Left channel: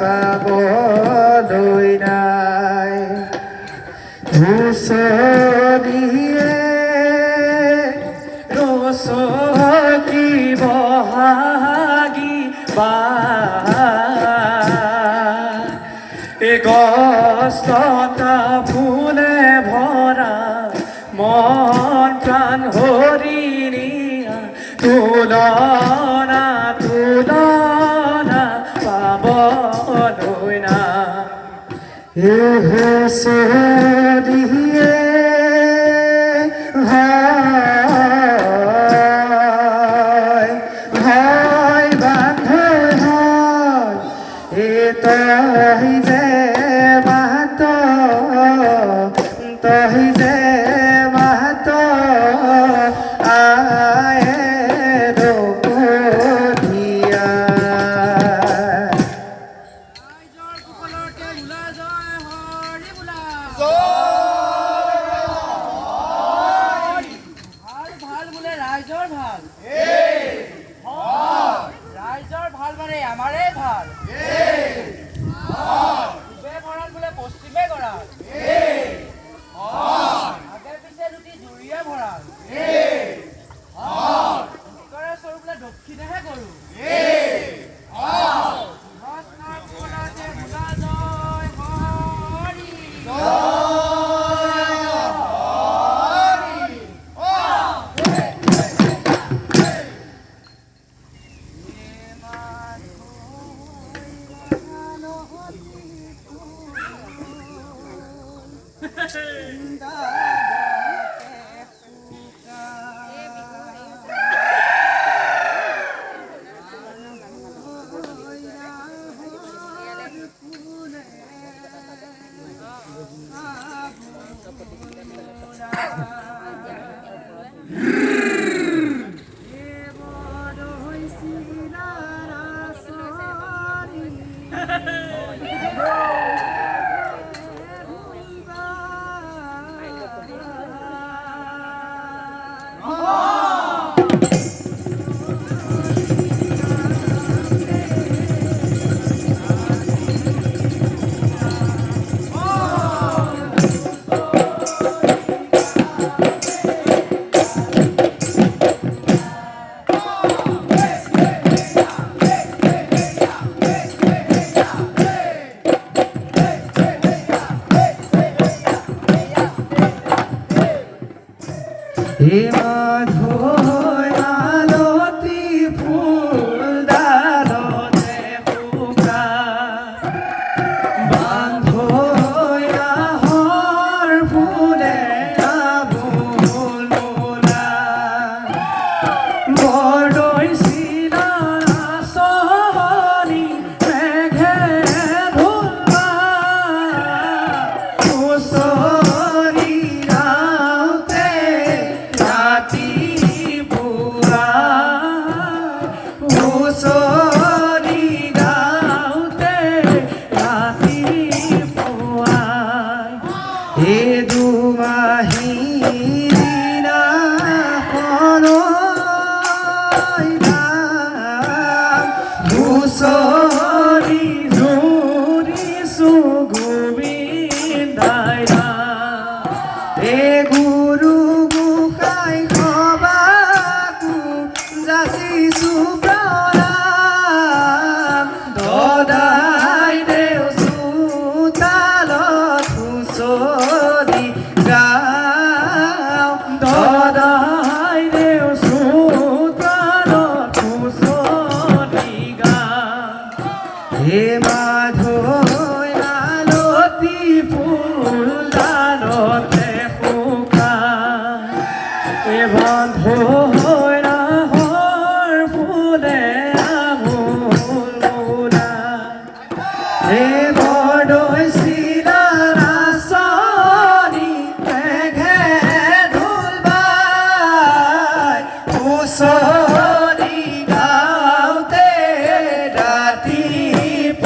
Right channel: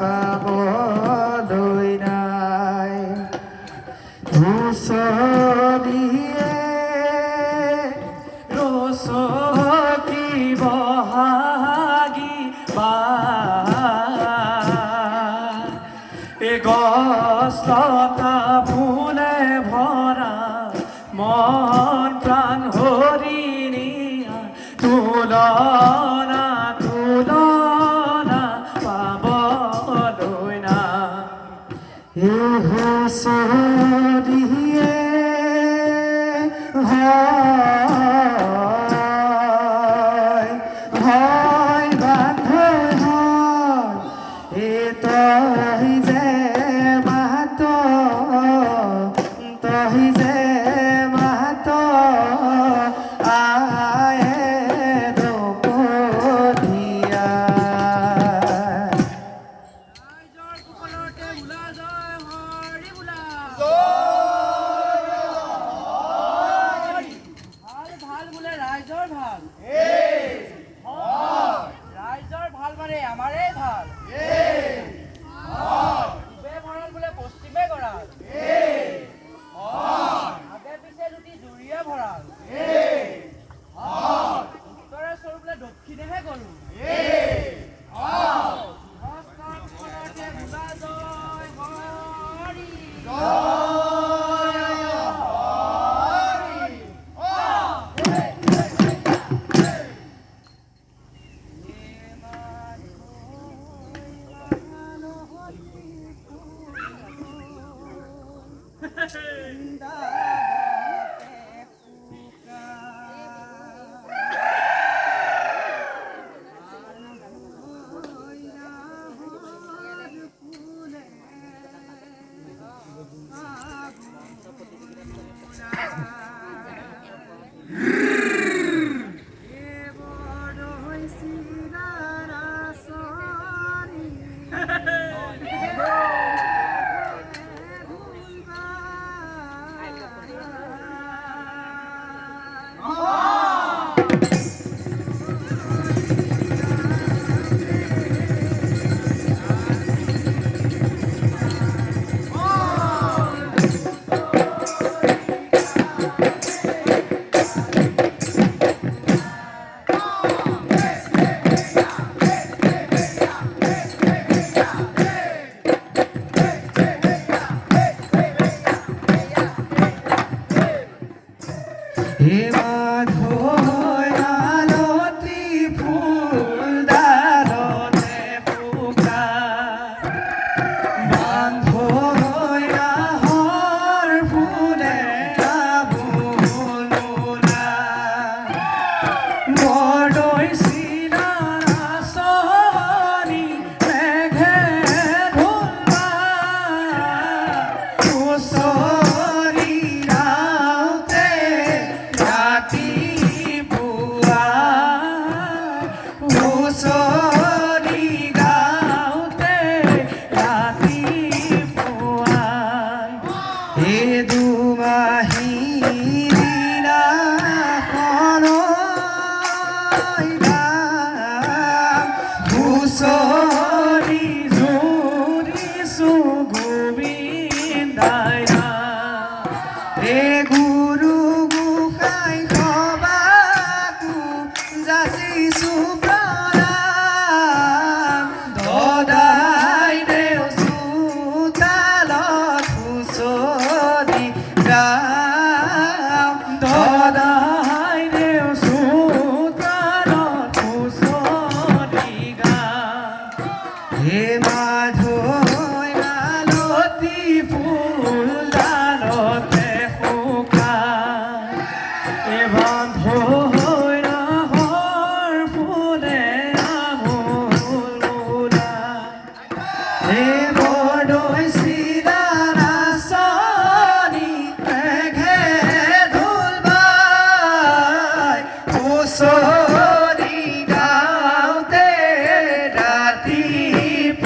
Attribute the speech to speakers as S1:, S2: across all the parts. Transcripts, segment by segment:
S1: পাব দুই নাই। এসে On!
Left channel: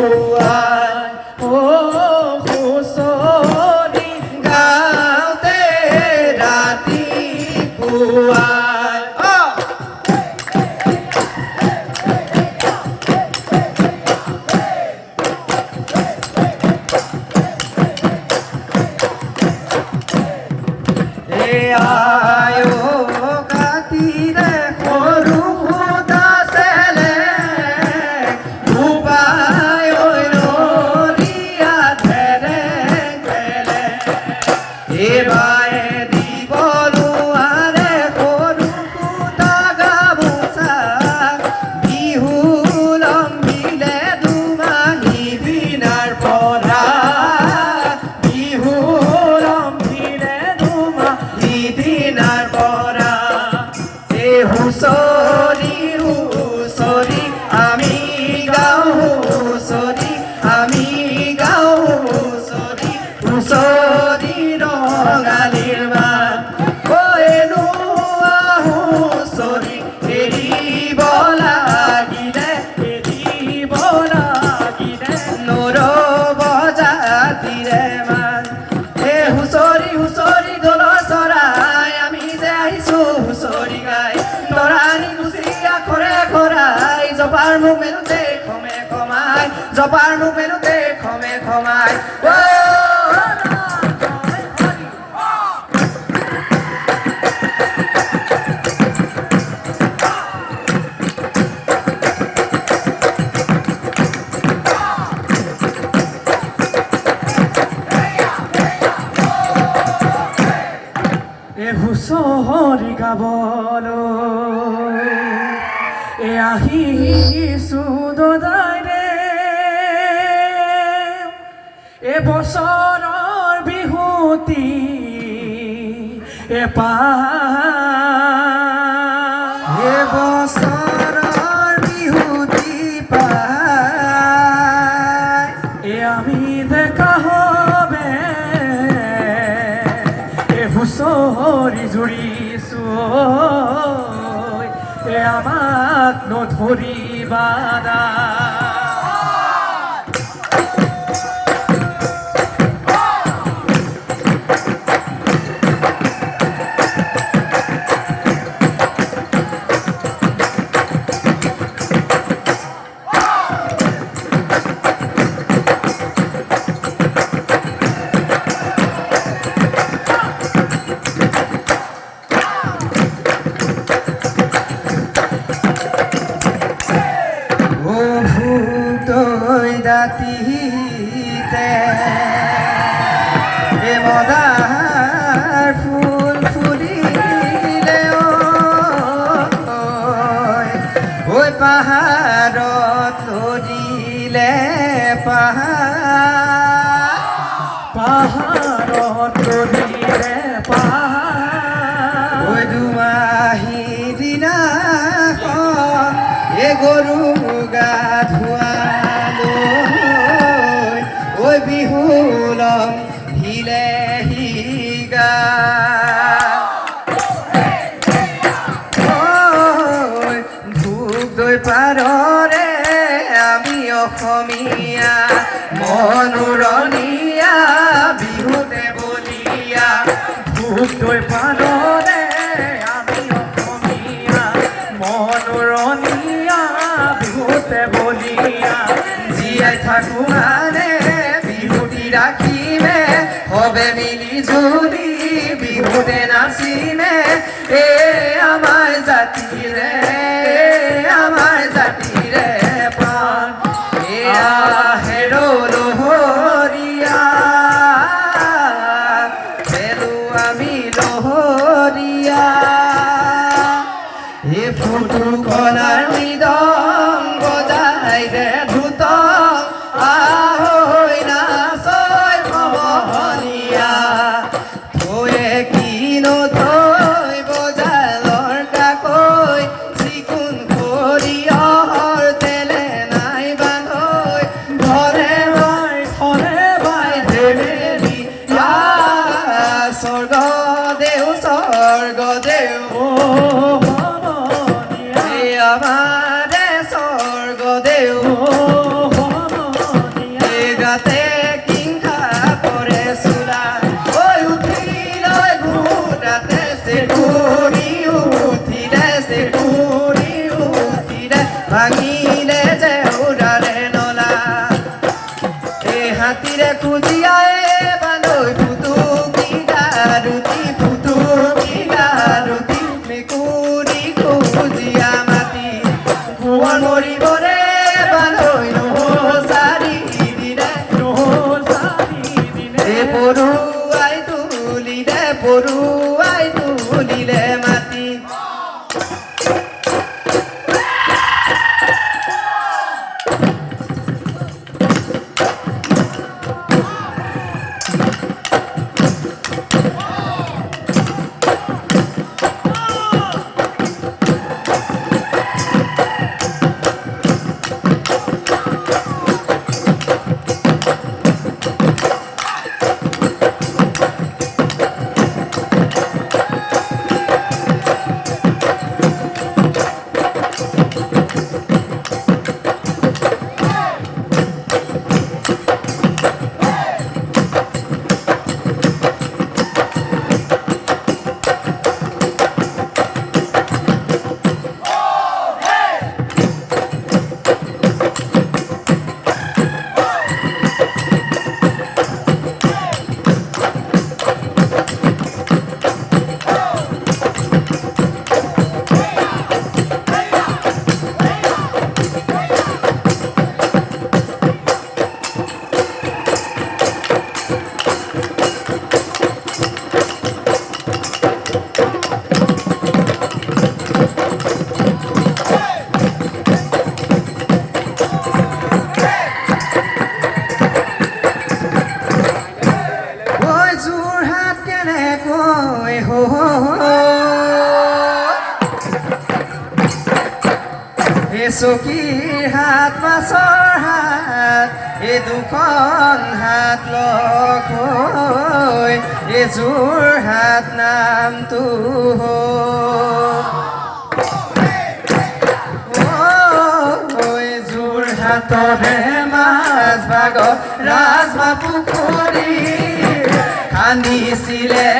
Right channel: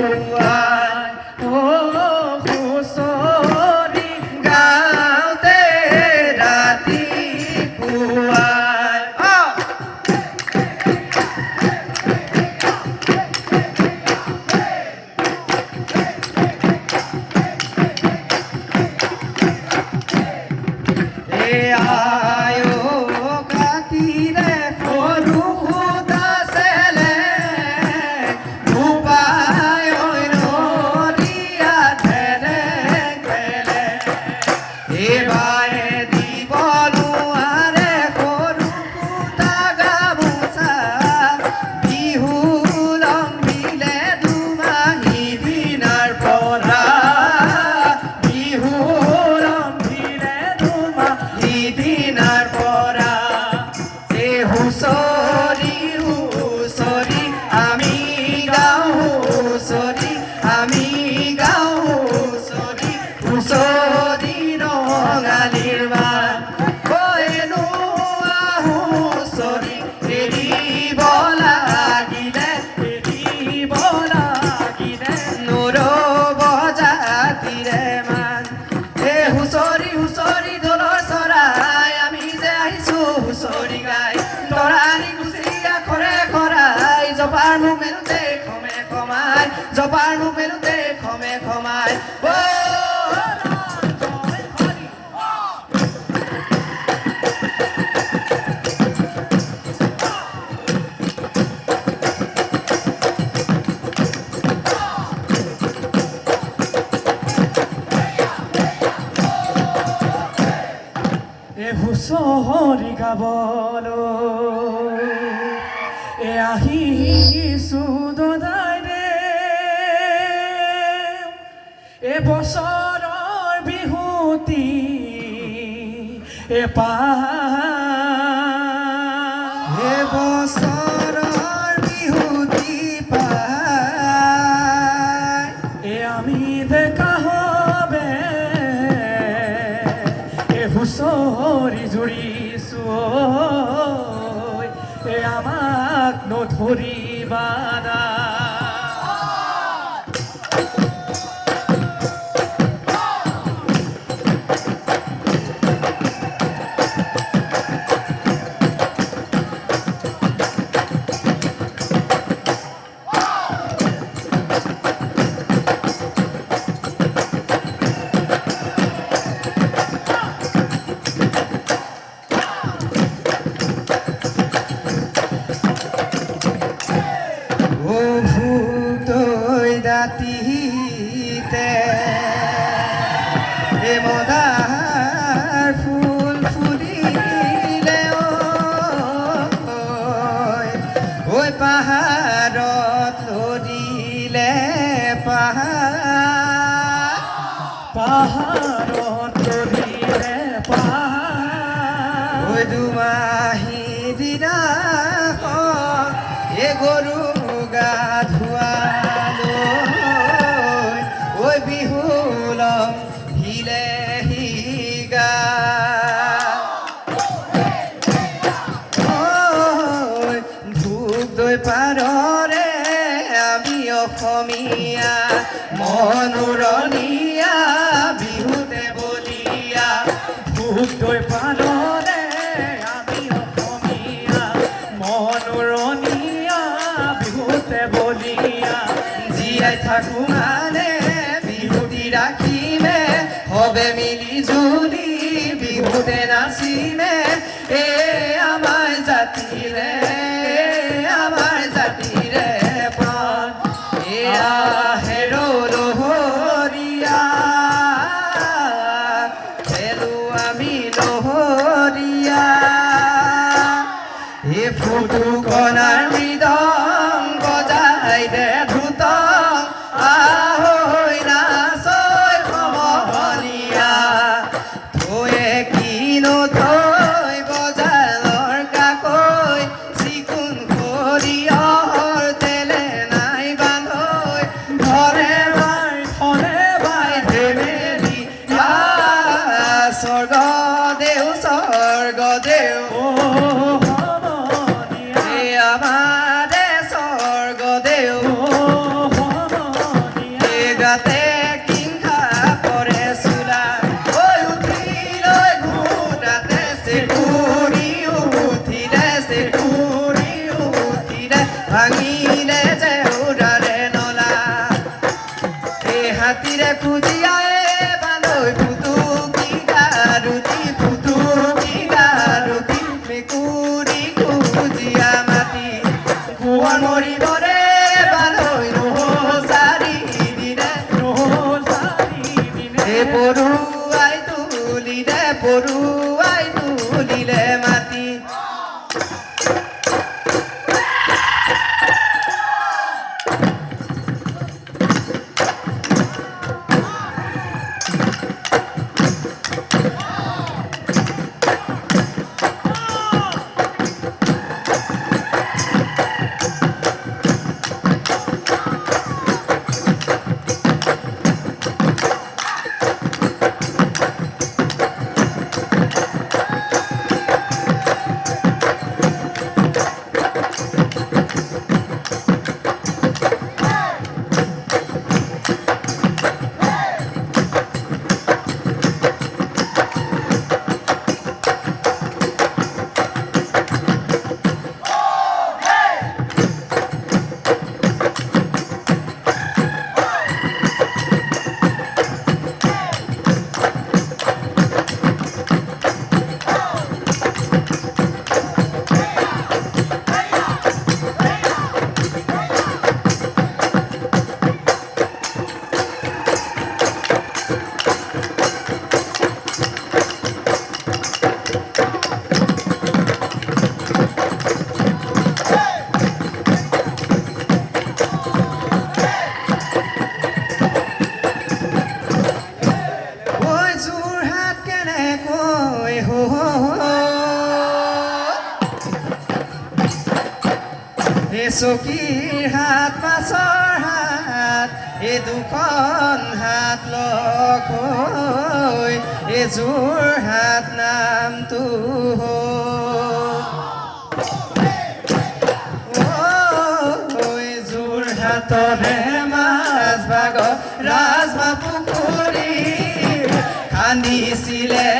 S1: Thank you. Yeah. জুৰিছো এ
S2: আমাক নধৰিবা
S1: 선수 চকী হাত পাছৰ হাত, এই দুখন হাত লৈ এই যোৰ হাত নামটো যোৰ হাতৰে মাছ ভাগ ৰাজমা পুখুৰী খান্দিছিলে।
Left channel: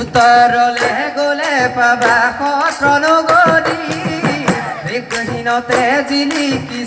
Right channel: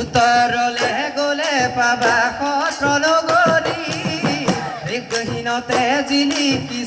S1: উত্তরলে গলে পাবা কটন গলি বিঘ্নহীনতে জিলিকি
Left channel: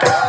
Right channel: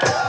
S1: Yeah.